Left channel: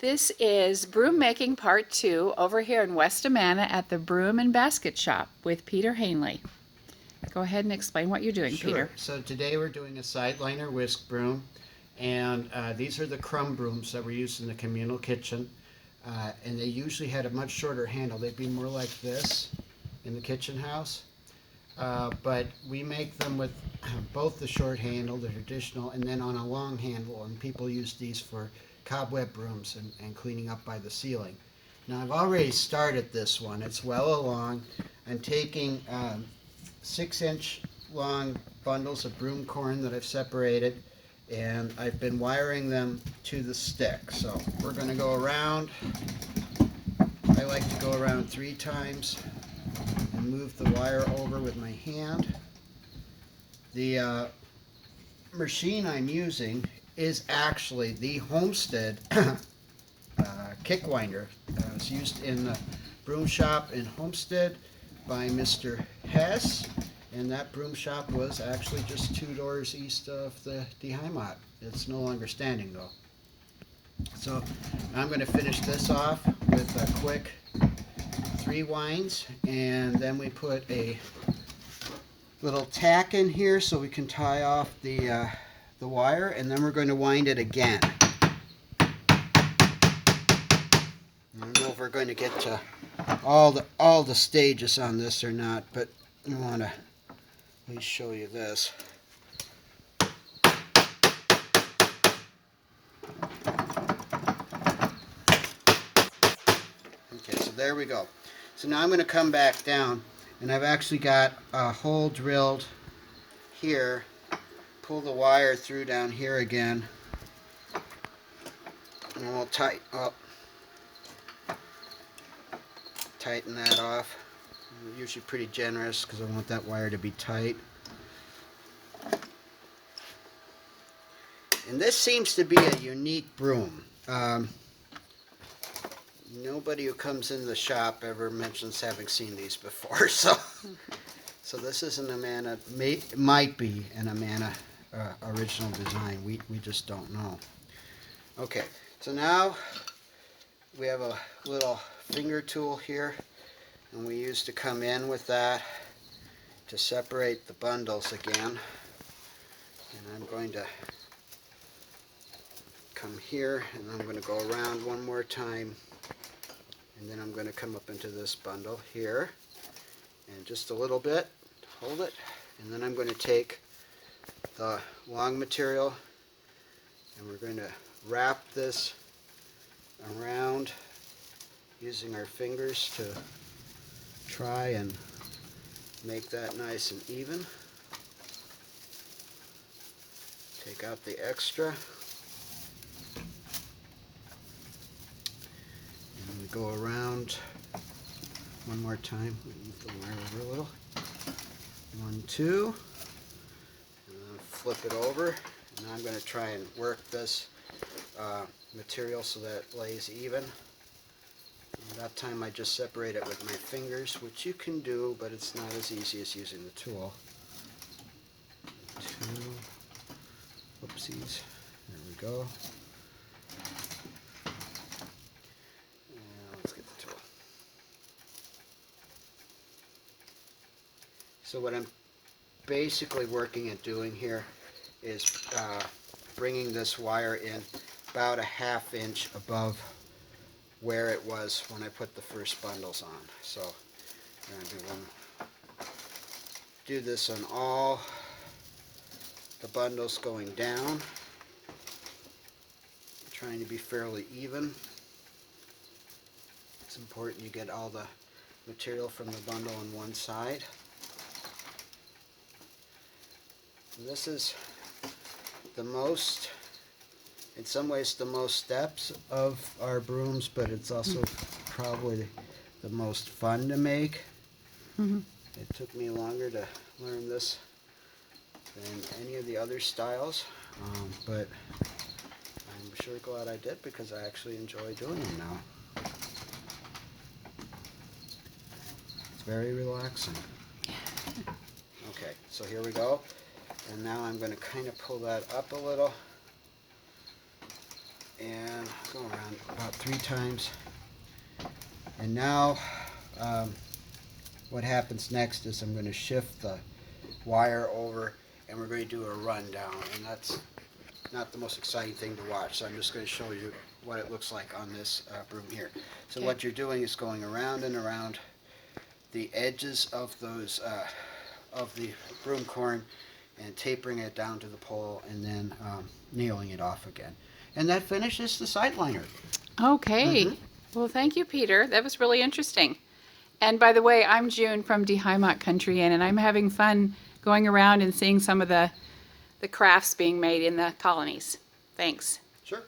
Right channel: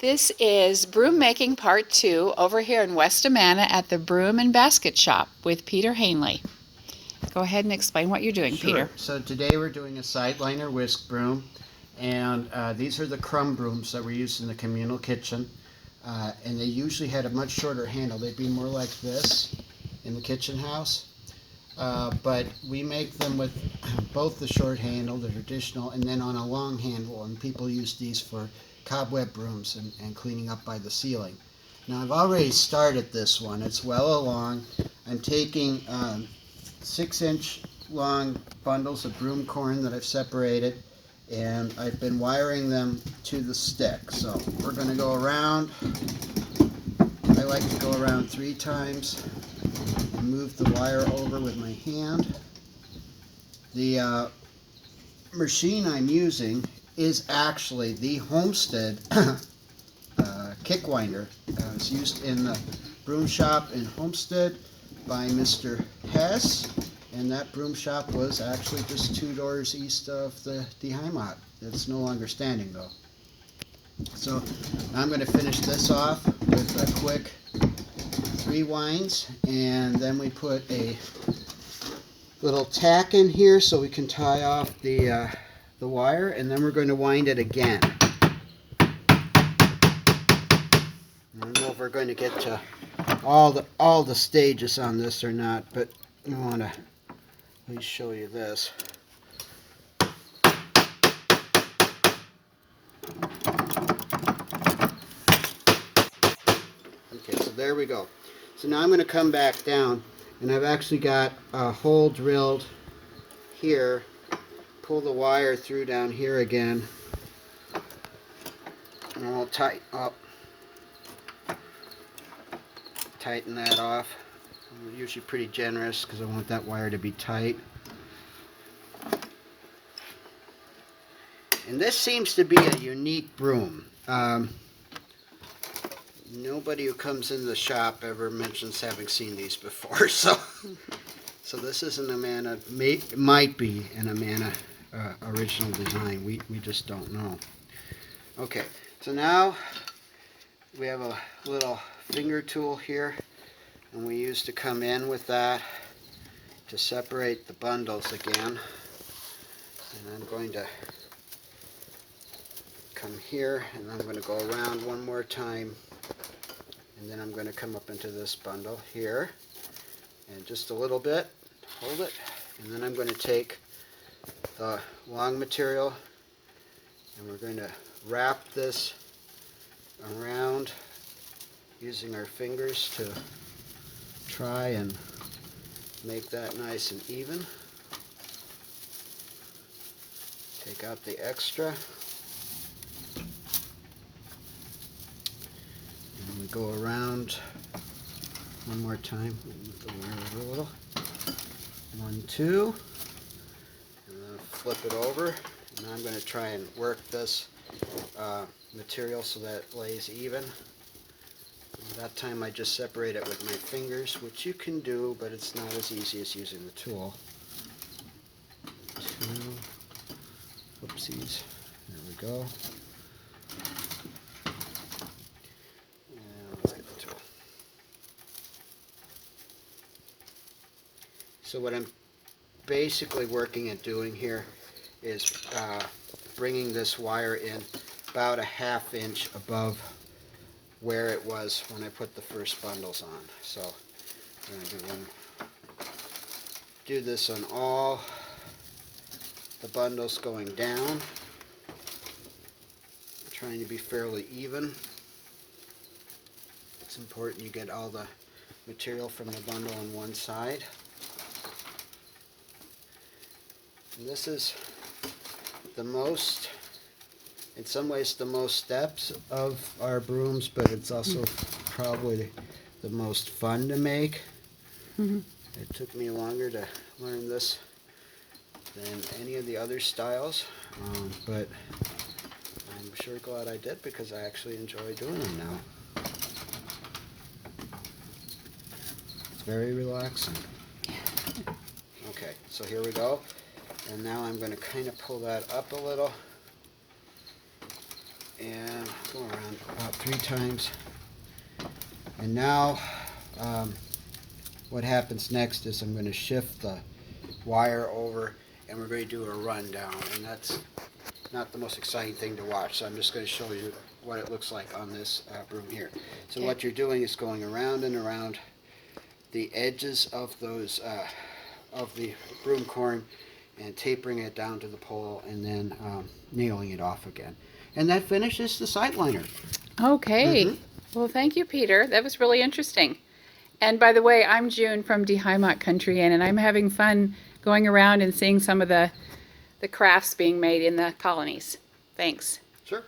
This is Broom Making Part 2 over here in West Amana at the Broom and Basket Shop with Peter Hoehnle. Go ahead and explain what you're doing, Sure. Peter. So today we're doing a sideliner whisk broom, and these are the crumb brooms that were used in the communal kitchen, and they usually had a much shorter handle. They'd be more like this in the kitchen house, but we make them with both the short handle, the traditional, and then on a long handle, and people use these for cobweb brooms and cleaning up by the ceiling. Now I've already started this one. It's well along. I'm taking 6-inch long bundles of broom corn that I've separated, and I've been wiring them to the stick. So we're going to go around. I like to go around 3 times and move the wire over with my hand. The machine I'm using is actually the Homestead kick winder. It's used in the broom shop in Homestead by Mr. Hess, and that broom shop was actually just 2 doors east of the Heimat. It's no longer standing though. So I'm going to finish this off with a quick 3 winds, and then we put a little tack in here so we can tie off the wire, and then we're going to wind it again. I don't know if we're going to get to all the stages on this or not, but I want to at least show you this. Okay, so there we go. So now I'm going to come back down, and I've actually got a hole drilled here. Pull the wire through down here again, and we'll tighten that off. I'm usually pretty generous because I want that wire to be tight. And this seems to be a unique broom. Nobody who comes in the shop ever mentions having seen these before, so this is an Amana, might be an Amana original design. We just don't know. Okay, so now we have a little finger tool here, and we used to come in with that to separate the bundles again. And I'm going to come here, and I'm going to go around one more time, and then I'm going to come up into this bundle here, and just a little bit, hold it, and then I'm going to take the long material, and we're going to wrap this around using our fingers to try and make that nice and even. Take out the extra, and we go around one more time. Move the wire over a little. 1, 2, and then flip it over. And now I'm going to try and work this material so that it lays even. And that time I just separate it with my fingers, which you can do, but it's not as easy as using the tool. 2, whoopsies, there we go. And let's get the tool. So what I'm basically working at doing here is bringing this wire in about a 1/2 inch above where it was when I put the first bundles on. So I'm going to do this on all the bundles going down. I'm trying to be fairly even. It's important you get all the material from the bundle on one side. And this is the most, in some ways, the most steps of our brooms, but it's also probably the most fun to make. It took me longer to learn this than any of the other styles, but I'm sure glad I did because I actually enjoy doing them now. It's very relaxing. Okay, so here we go. And now I'm going to kind of pull that up a little and go around about 3 times. And now what happens next is I'm going to shift the wire over and we're going to do a rundown, and that's not the most exciting thing to watch, so I'm just going to show you what it looks like on this broom here. So Okay. what you're doing is going around and around the edges of those of the broom corn and tapering it down to the pole, and then nailing it off again. And that finishes the sideliner. Okay. Mhm. Well, thank you, Peter. That was really interesting. And by the way, I'm June from Heimat Country Inn, and I'm having fun going around and seeing some of the crafts being made in the colonies. Thanks. Sure.